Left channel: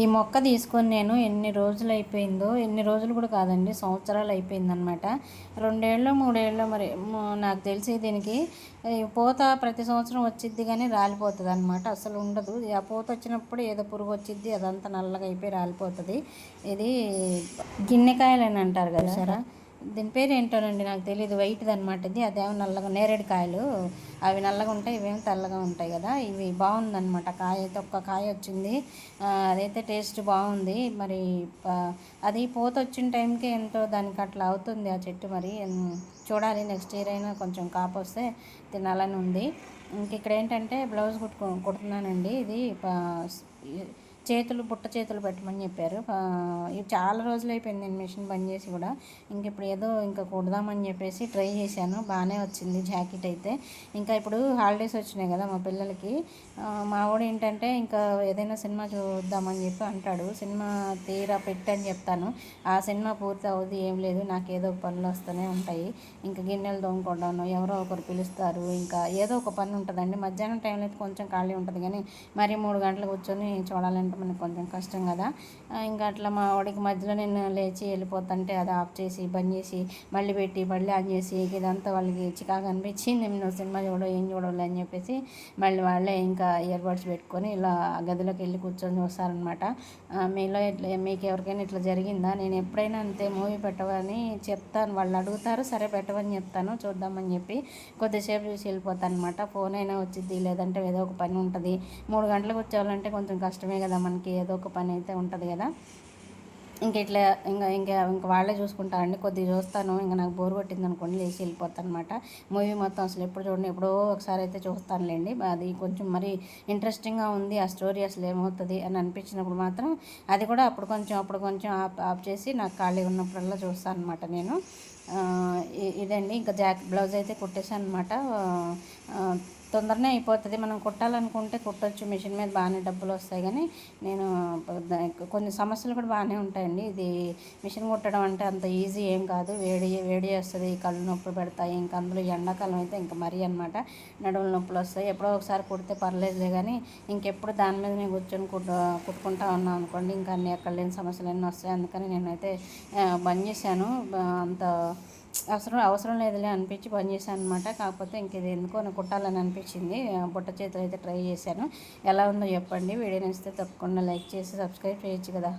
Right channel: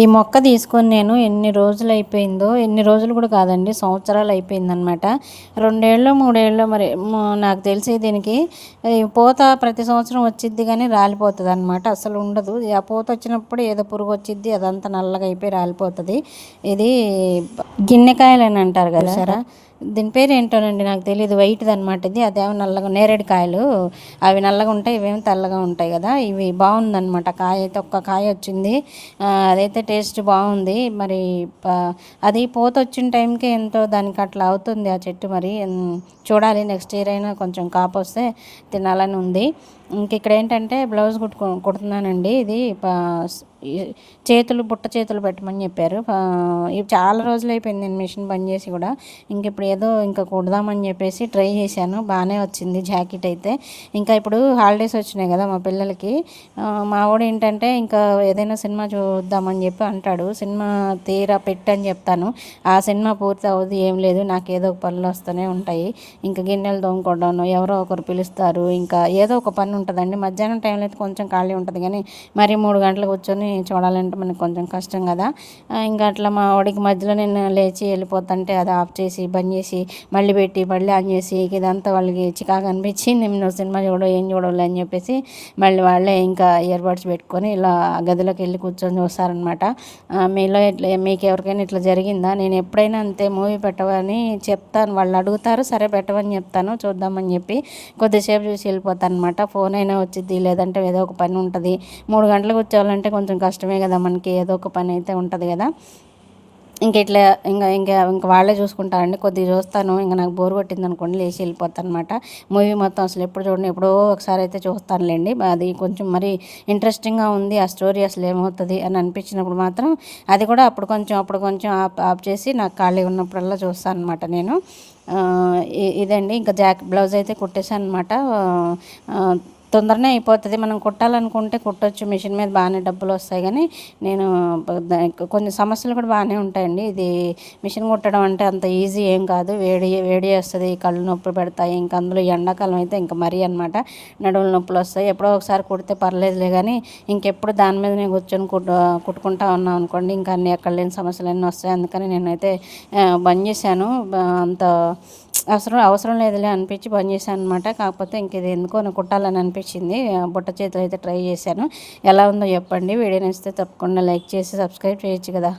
ఈ మొక్క తీసుకొని నేను ఎన్ని రోజులు అయిపోయిందో, ఎన్ని రోజులు కూడా కాదండి, సంవత్సరాలు అయిపోయిందనమాట. 2 ఏళ్ళో, 3 ఏళ్ళో మరి నాకు తెలిసి దీనికి ఈ పూత ప్రతి సంవత్సరం వచ్చిద్ది కానీ రాలిపోతదనమాట. అసలు ఉండదు. ఆ పూత వచ్చినప్పుడు ఏదో పురుగు వచ్చిద్ది, అదంతా నల్లగా అయిపోయి రాలిపోతది. ఇది గిన్నెకాయలని అంటారు కదా సరే, దీని పేరు ఏంటోనండి నాకు తెలియదు. వైట్ది అనమాట ఇది. అదేమో నల్లగా నేరేడు కాయలు, అవి నల్లగా ఉంటాయి, ఇవేమో తెల్లగా ఉంటాయి కదా. ఇవి బాగుందనమాట. కాయ అయితే ఒక్క కాయ వచ్చింది. అదైతే టేస్ట్ బాగుంది. మరి అది పూత వచ్చిన టైంకి ఎంతో దానికి అట్లా అవుతుంది ఆ చెట్టు. మరి చూడాలి, నెక్స్ట్ ఇయర్ అయినా కొంచెం కాపు వస్తే తినాలని ఉంది. ఇంక ఇక్కడ ఏంటంటే బ్లౌజ్ కుడుతున్నానండి. ఇది బుట్ట చేతులు పెట్టమని చెప్పారు. ఇవి చాలా రోజులు అయిపోయింది నేను మిషన్ బంద్ చేసి కూడా. ఇప్పుడు ఏదో ఇంకా కుడదామని చెప్పేసి ట్రై చేశాను. బాగానే వచ్చింది జాకెట్ అయితే. ఇంకా ఇప్పుడు హాలిడేస్ వచ్చినాయి కదా మా పిల్లలకి. మా వాడు ఏంటంటే ఇంకా ఏదైనా సినిమా చూద్దామని చెప్పి అంటాడు. సినిమా తీరా పెట్టని చెప్తాను. ఆ సినిమా పూర్తి అవ్వదు, ఏం లేదు, నాకు ఏదో ఒక పనులు వస్తూనే ఉంటాయి. ఇంకా గిన్నెలు తోముకోవడం, ఎవరో ఒకరు పిలుస్తారు, ఇంకా ఏదో ఒక పని ఉంటుందండి. మధ్యాహ్నం టైంలో అయితే కొంచెం ఖాళీ ఉంటుంది కానీ మరి 3 గంటలు కూర్చొని చూడాలంటే మనకు కొంచెం కష్టం కదా. ఇంకా అట్లా మా వాడికి మధ్యలో నేను లేచి వెళ్ళిపోతుంటే అది ఆఫ్ చేసి బంద్ చేసి మళ్ళీ పెట్టి మళ్ళీ ఆన్ చేసి ఇదంతా వాళ్ళకి చికాకు అనిపించి నేను సినిమా ఏం చూడాలి అని చెప్పేసి మళ్ళీ వాళ్ళే ఇంకా ఇయర్ బడ్స్ పెట్టుకొని ఇలా గదిలోకి వెళ్ళి కూర్చొని చూస్తారనమాట. మీలో మీకు ఎవరికైనా ఇట్లా జరిగిందా? నేను ఎప్పుడైనా అంతే, మూవీ పెట్టవని చెప్తాను, వాళ్ళు అడుగుతారు, సరే పెట్టవని చెప్తాను, చూద్దామని చెప్పి కొద్దిసేపు చూసి వెళ్ళిపోతాను అనమాట. ఫోన్ అయినా వచ్చింది, లేదంటే ఏదో ఒక పని ఉంటుంది. 3 గంటలకు వచ్చేవాళ్ళంటే కొంచెం కష్టమే కదా, మనకి ఏదో ఒక పని అయితే ఉంటుంది కదా. ఇట్లా ఇంకా వాళ్ళే చూసుకుంటారండి. కొద్దిగా చూస్తాను, ఇంకా నాకు బోర్ కొట్టింది అనుకోండి లేచి వెళ్ళిపోతాను అనమాట. మూవీ మొత్తం అసలు ఎప్పుడు చూడండి, ఎప్పుడో ఒకసారి అయితే చూస్తానులేండి. అది కొంచెం మరి ఇంట్రెస్టింగ్గా ఉంది ఆ స్టోరీ, అసలు ఏమవుతుంది అని అనిపించినప్పుడు మాత్రం అది కూడా అప్పుడు కొంచెం ఆఫ్ చేసి నాకు ఖాళీ ఉన్నప్పుడల్లా చూస్తాను అనమాట నేను. ఇదండి, ఇంకా బ్లౌజ్ అయితే కుట్టేశాను అనమాట. తొందరనే అయిపోతుంది. మనం కుట్టాలనుకుంటే కుట్టొచ్చు, మిషన్ మీద బాగానే డబ్బులు వస్తాయి. కానీ నేను కొన్ని సమస్యలు కూడా బాగానే ఉంటాయండి. ఇది మిషన్ కుట్టడం అంటే అంత ఈజీ ఏం కాదు. వేడి వేస్తుంది, కళ్ళు నొప్పి పెడతాయి. ఇంకా అందులో ఎండాకాలం అయితే ఇంకా మరీ అనమాట, నడువులు నొప్పులు వస్తాయి. ఎప్పుడో ఒకసారి కుడితే పర్లేదులే కానీ ఇంకెప్పుడు దాని మీద నేను కూర్చొని కుట్టుకుంటా ఉన్నాం అనుకోండి, ఇంకా అన్ని ఎక్కడ లేని సమస్యలు అన్నీ వస్తాయి. అందుకని నేనైతే బంద్ చేశాను. అంత అవసరం లేదులే అనిపించి బంద్ చేశాను అనమాట. కాకపోతే ఇంక ఇది ఎందుకో నాకు కుట్టాలని అనిపించింది. బుట్ట చేతులు అయితే ట్రై చేశాను. ఎలా ఉందో చెప్పండి. వీడియో నచ్చితే తప్పకుండా లైక్ చేసి సబ్స్క్రైబ్ చేయొచ్చు కదా.